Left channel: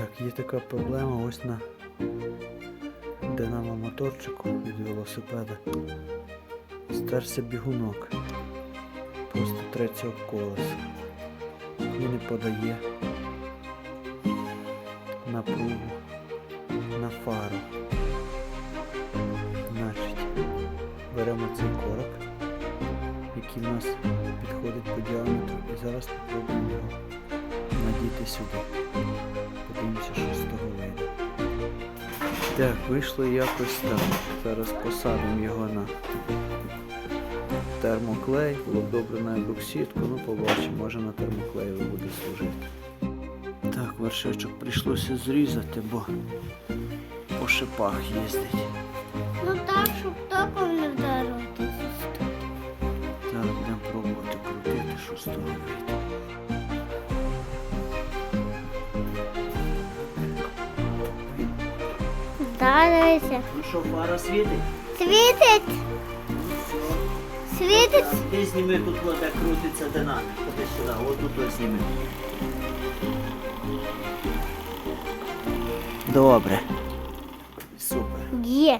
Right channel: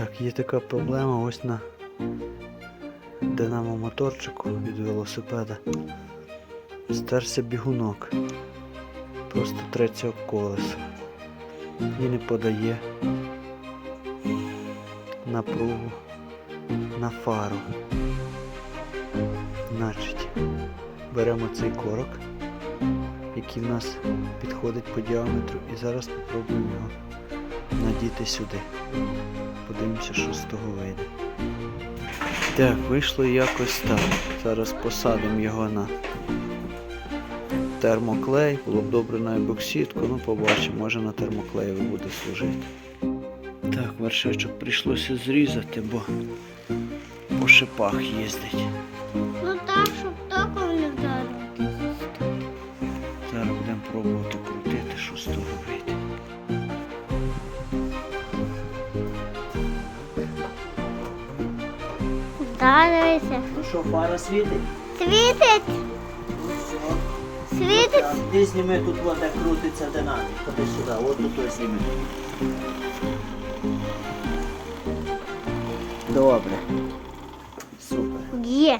Так, є така проблема ось на динамо моторчику від велосипеда. Стерся бігунок. Просто треться об колесо. І не подає напругу на фару. Значить, беремо цей корок, який в нас підходить по діаметру, і зараз спробуємо його надіти сюди. Подивимося, що з того вийде. Так, вийшло якось так. Зараз посадимо його на термоклей. Було б добре на ебоксидку, ну побачимо, може на термоклеєві буде служити. Так, вершечок прийшлося зрізати, бо по шипах їздить. Ну так, щоб током не вдарити. Зараз будемо пробувати крутити, що з того вийде. Вдарися. Ну що, фара світить? Світить, Ну все. світить. А ти зніми тут вода крутиться динамік. Ходи сюди, от тут зніми. Добре. Супер. Є.